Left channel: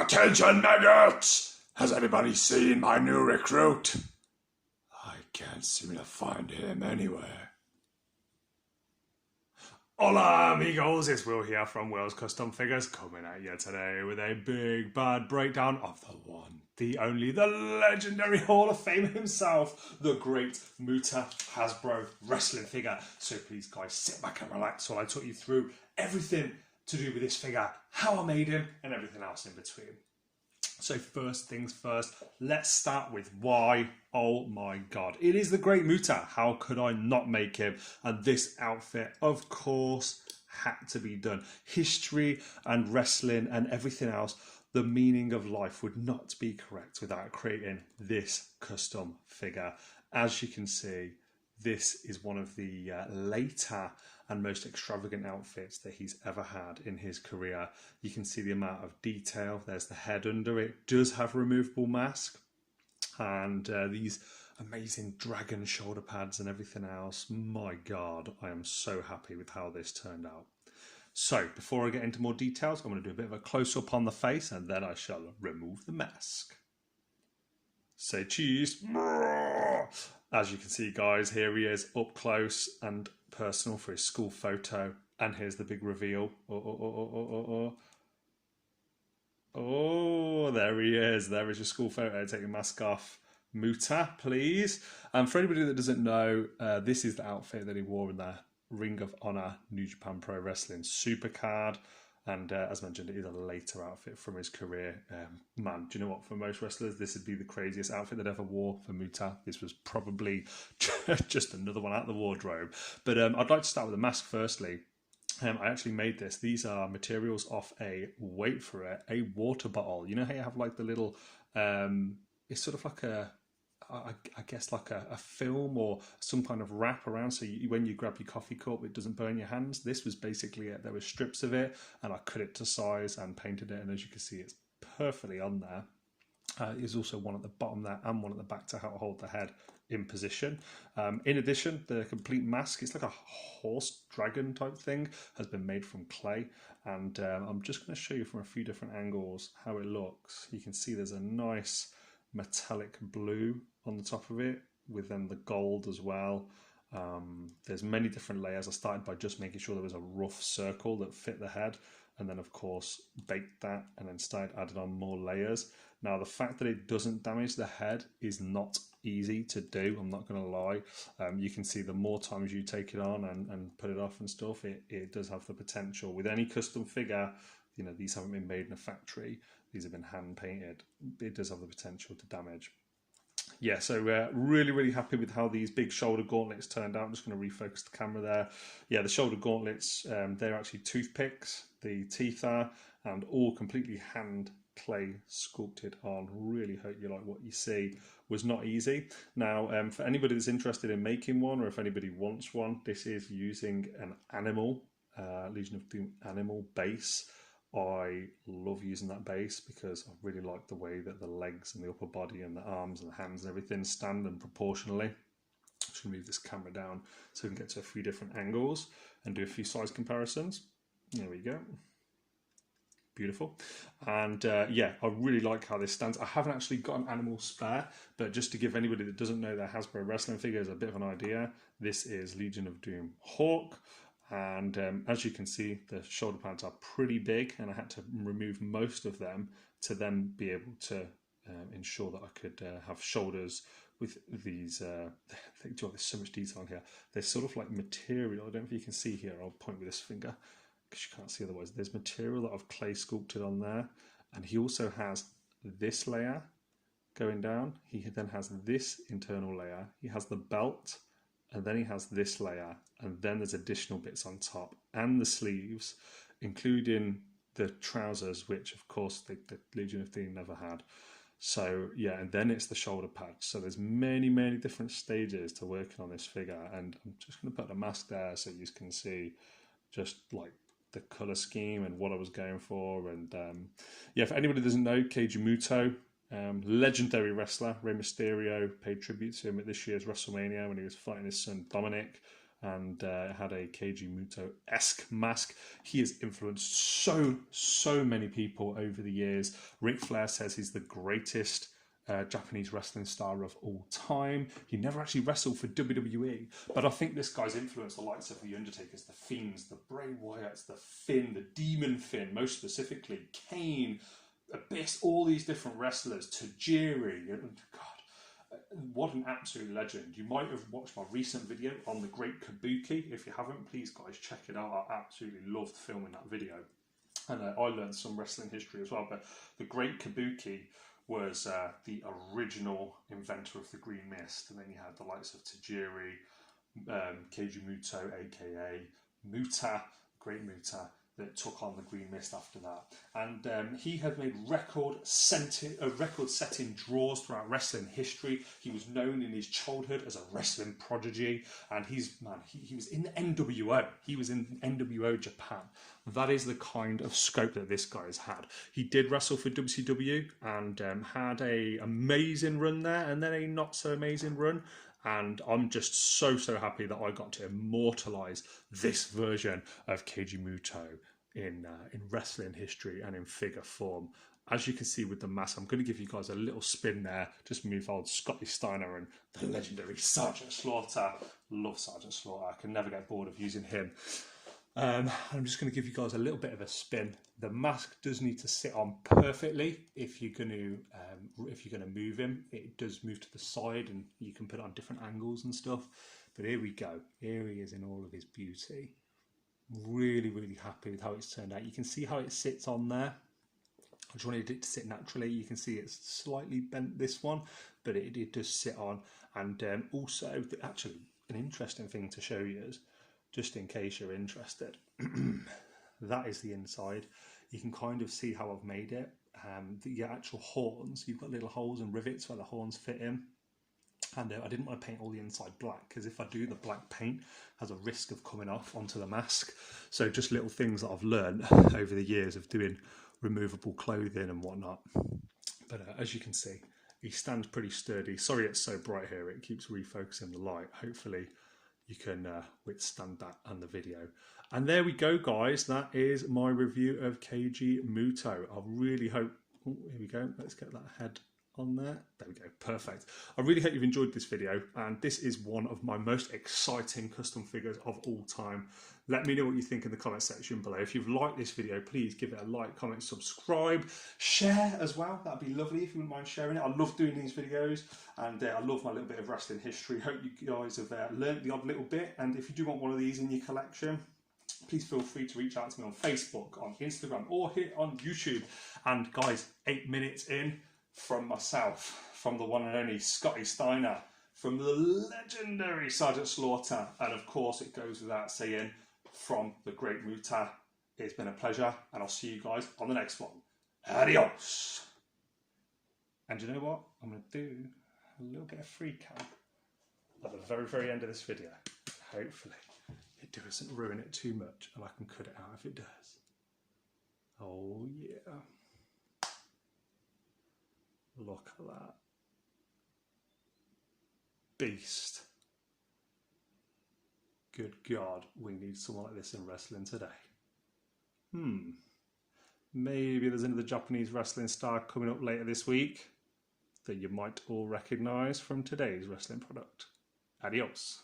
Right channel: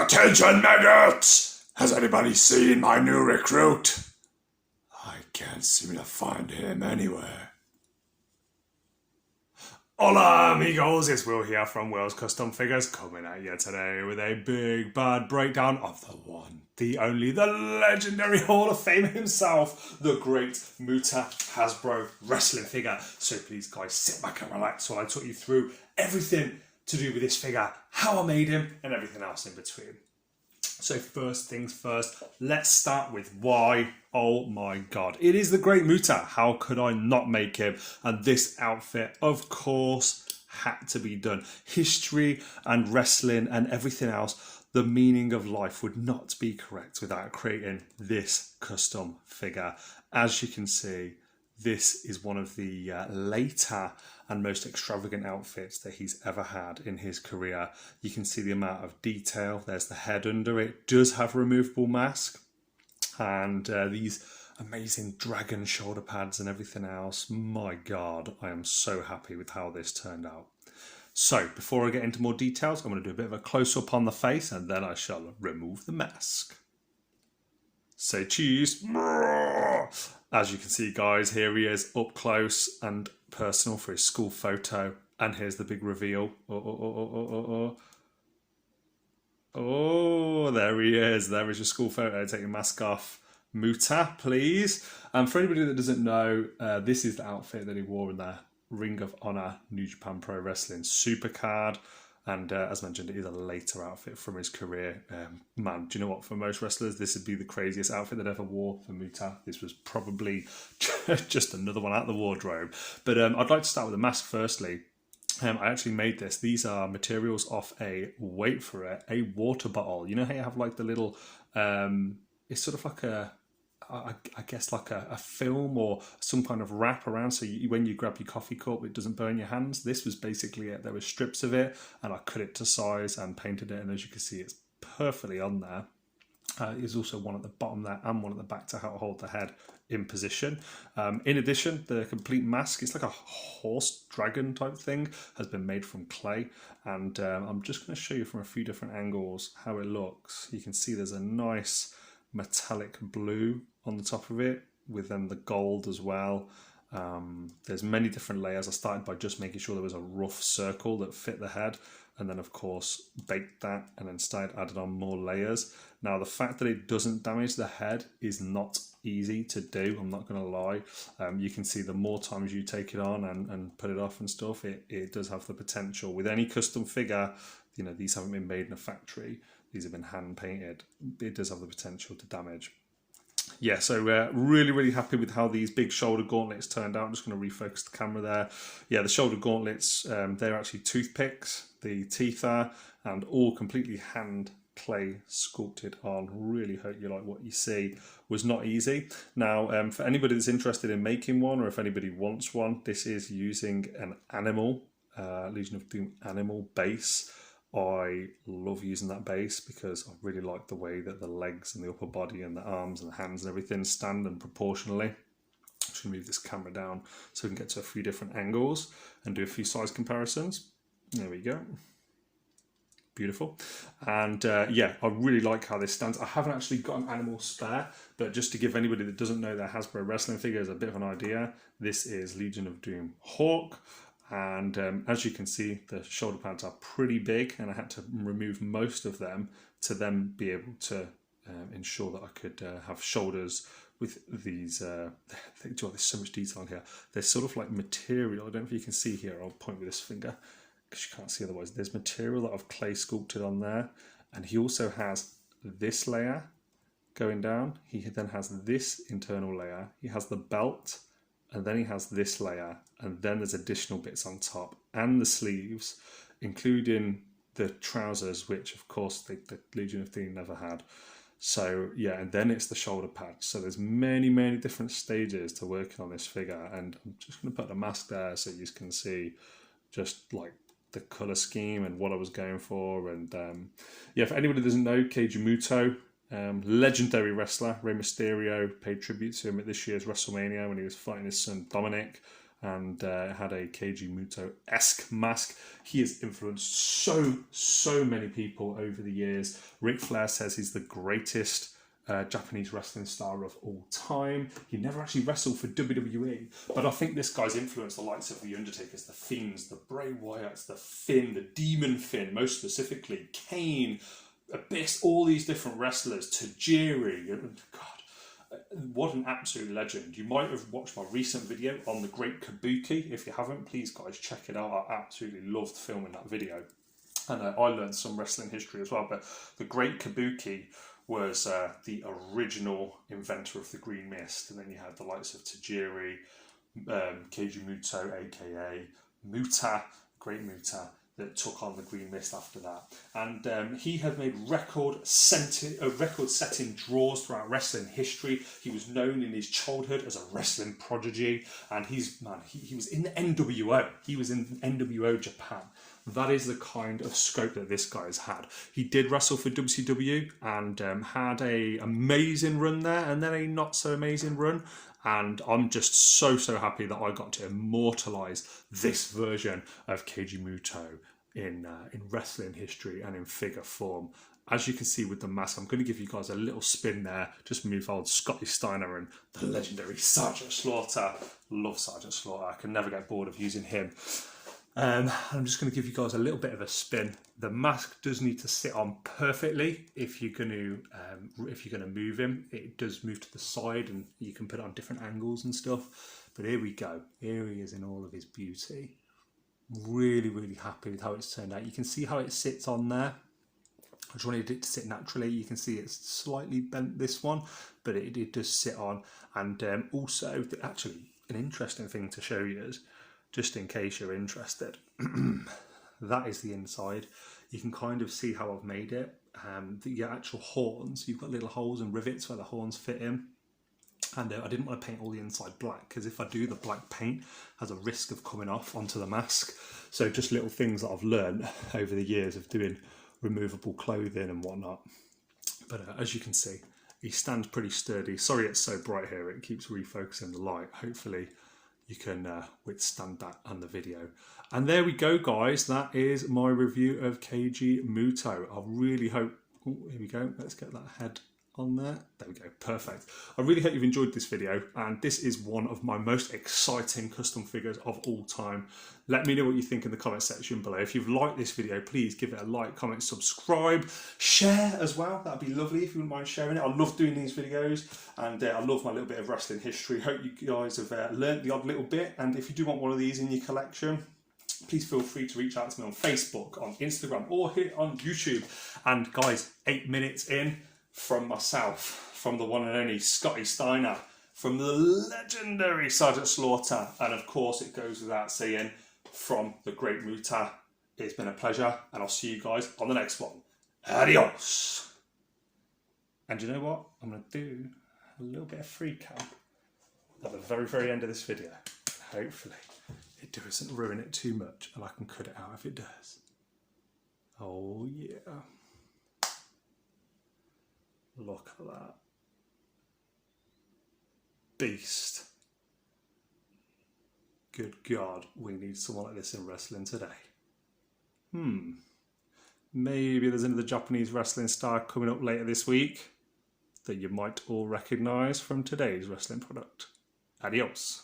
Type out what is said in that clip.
Attention, maggots! Has anybody seen my new recruit? I can't seem to find him anywhere. Hola amigos, it's Will here from Will's Custom Figures, coming at you today with a big bad breakdown of the one, the only, the legendary Hall of Famer himself, the great Muta Hasbro wrestling figure. So please guys, sit back and relax while I talk you through everything to do with this figure, how I made him and everything else in between. So first things first, let's start with why. Oh my god, it is the great Muta. How could I not make him? And this outfit, of course, had to be done. History and wrestling and everything else, the meaning of life would not be correct without creating this custom figure. As you can see, this is one of the later and most extravagant outfits that he's ever had in his career. You can see the amount of detail. There's the head under it. Does have a removable mask. And these amazing dragon shoulder pads and everything else. My God, I am so happy with how this turned out. So before I get into more details, I'm going to do a bit of a close-up on the face and then I shall remove the mask. Say cheese. As you can see, guys, here he is up close and personal for his school photo. And here's the big reveal. Oh, there he is. There is your school photo. Take your mask off. Muta, please. And for anybody that doesn't know, this is the outfit that he wore in the Ring of Honor New Japan Pro Wrestling Supercard. And as mentioned, it is a later outfit from his career. Man, do you know what? For most wrestlers, this would be the craziest outfit they'd ever wore. For Muta, this was probably just another one out of the wardrobe. But I'd like to start with the mask firstly. I actually made this. These are materials off wait for it, a water bottle. You know how you have like the little, it's sort of like I guess like a film or some kind of wrap around, so when you grab your coffee cup it doesn't burn your hands. This was basically it. There were strips of it and I cut it to size and painted it, and as you can see it's perfectly on there. There's also one at the bottom there and one at the back to help hold the head in position. In addition, the complete mask, it's like a horse dragon type thing, has been made from clay, and I'm just going to show you from a few different angles how it looks. You can see there's a nice metallic blue on the top of it with then the gold as well. There's many different layers. I started by just making sure there was a rough circle that fit the head, and then of course baked that and then started adding on more layers. Now the fact that it doesn't damage the head is not easy to do, I'm not going to lie. You can see the more times you take it on and put it off and stuff, it does have the potential. With any custom figure, you know, these haven't been made in a factory, these have been hand painted, it does have the potential to damage. Yeah, so really happy with how these big shoulder gauntlets turned out. I'm just going to refocus the camera there. Yeah, the shoulder gauntlets, they're actually toothpicks, the teeth are, and all completely hand clay sculpted on. Really hope you like what you see. Was not easy. Now, for anybody that's interested in making one, or if anybody wants one, this is using an animal, Legion of Doom animal base. I love using that base because I really like the way that the legs and the upper body and the arms and the hands and everything stand and proportionally. I'm just going to move this camera down so we can get to a few different angles and do a few size comparisons. There we go. Beautiful. And yeah, I really like how this stands. I haven't actually got an animal spare, but just to give anybody that doesn't know their Hasbro wrestling figures a bit of an idea, this is Legion of Doom Hawk. And as you can see, the shoulder pads are pretty big, and I had to remove most of them to then be able to ensure that I could have shoulders with these. There's so much detail here. There's sort of like material. I don't know if you can see here. I'll point with this finger because you can't see otherwise. There's material that I've clay sculpted on there, and he also has this layer going down. He then has this internal layer. He has the belt. And then he has this layer, and then there's additional bits on top, and the sleeves, including the trousers, which of course the Legion of Doom never had. So yeah, and then it's the shoulder pads. So there's many different stages to working on this figure, and I'm just going to put the mask there so you can see just like the colour scheme and what I was going for. And yeah, for anybody that doesn't know, Keiji Muto, legendary wrestler, Rey Mysterio paid tribute to him at this year's WrestleMania when he was fighting his son Dominic. and had a Keiji Muto-esque mask. He has influenced so many people over the years. Ric Flair says he's the greatest Japanese wrestling star of all time. He never actually wrestled for WWE, but I think this guy's influenced the likes of The Undertakers, The Fiends, the Bray Wyatts, the Finn, the Demon Finn, most specifically, Kane, Abyss, all these different wrestlers, Tajiri. God, what an absolute legend. You might have watched my recent video on the Great Kabuki. If you haven't, please guys check it out. I absolutely loved filming that video. And I learned some wrestling history as well, but the Great Kabuki was the original inventor of the Green Mist, and then you had the likes of Tajiri, Keiji Muto, aka Muta, Great Muta, that took on the Green Mist after that. And he had made record-setting draws throughout wrestling history. He was known in his childhood as a wrestling prodigy, and he was in the NWO. He was in NWO Japan. That is the kind of scope that this guy has had. He did wrestle for WCW and had an amazing run there, and then a not so amazing run. And I'm just so happy that I got to immortalise this version of Keiji Muto in wrestling history and in figure form. As you can see with the mask, I'm going to give you guys a little spin there, just move old Scotty Steiner and the legendary Sergeant Slaughter. Love Sergeant Slaughter. I can never get bored of using him. I'm just going to give you guys a little bit of a spin. The mask does need to sit on perfectly if you're going to move him. It does move to the side, and you can put it on different angles and stuff. But here we go. Here he is in all of his beauty. Really happy with how it's turned out. You can see how it sits on there. I just wanted it to sit naturally. You can see it's slightly bent, this one, but it does sit on. And also, actually, an interesting thing to show you is, just in case you're interested, that is the inside. You can kind of see how I've made it. The actual horns, you've got little holes and rivets where the horns fit in. And I didn't want to paint all the inside black, because if I do, the black paint has a risk of coming off onto the mask. So just little things that I've learned over the years of doing removable clothing and whatnot. But as you can see, he stands pretty sturdy. Sorry it's so bright here, it keeps refocusing the light. Hopefully you can withstand that on the video. And there we go, guys. That is my review of Keiji Muto. I really hope... Oh, here we go. Let's get that head on there. There we go. Perfect. I really hope you've enjoyed this video. And this is one of my most exciting custom figures of all time. Let me know what you think in the comment section below. If you've liked this video, please give it a like, comment, subscribe, share as well. That'd be lovely if you wouldn't mind sharing it. I love doing these videos, and I love my little bit of wrestling history. Hope you guys have learnt the odd little bit. And if you do want one of these in your collection, please feel free to reach out to me on Facebook, on Instagram, or here on YouTube. And guys, 8 minutes in from myself, from the one and only Scotty Steiner, from the legendary Sergeant Slaughter, and of course it goes without saying, from the great Muta. It's been a pleasure, and I'll see you guys on the next one. Adios! And you know what? I'm going to do a little bit of free cam at the very end of this video. Hopefully it doesn't ruin it too much, and I can cut it out if it does. Oh yeah. Look at that. Beast. Good God, we need someone like this in wrestling today. Maybe there's another Japanese wrestling star coming up later this week that you might all recognise from today's wrestling product. Adios.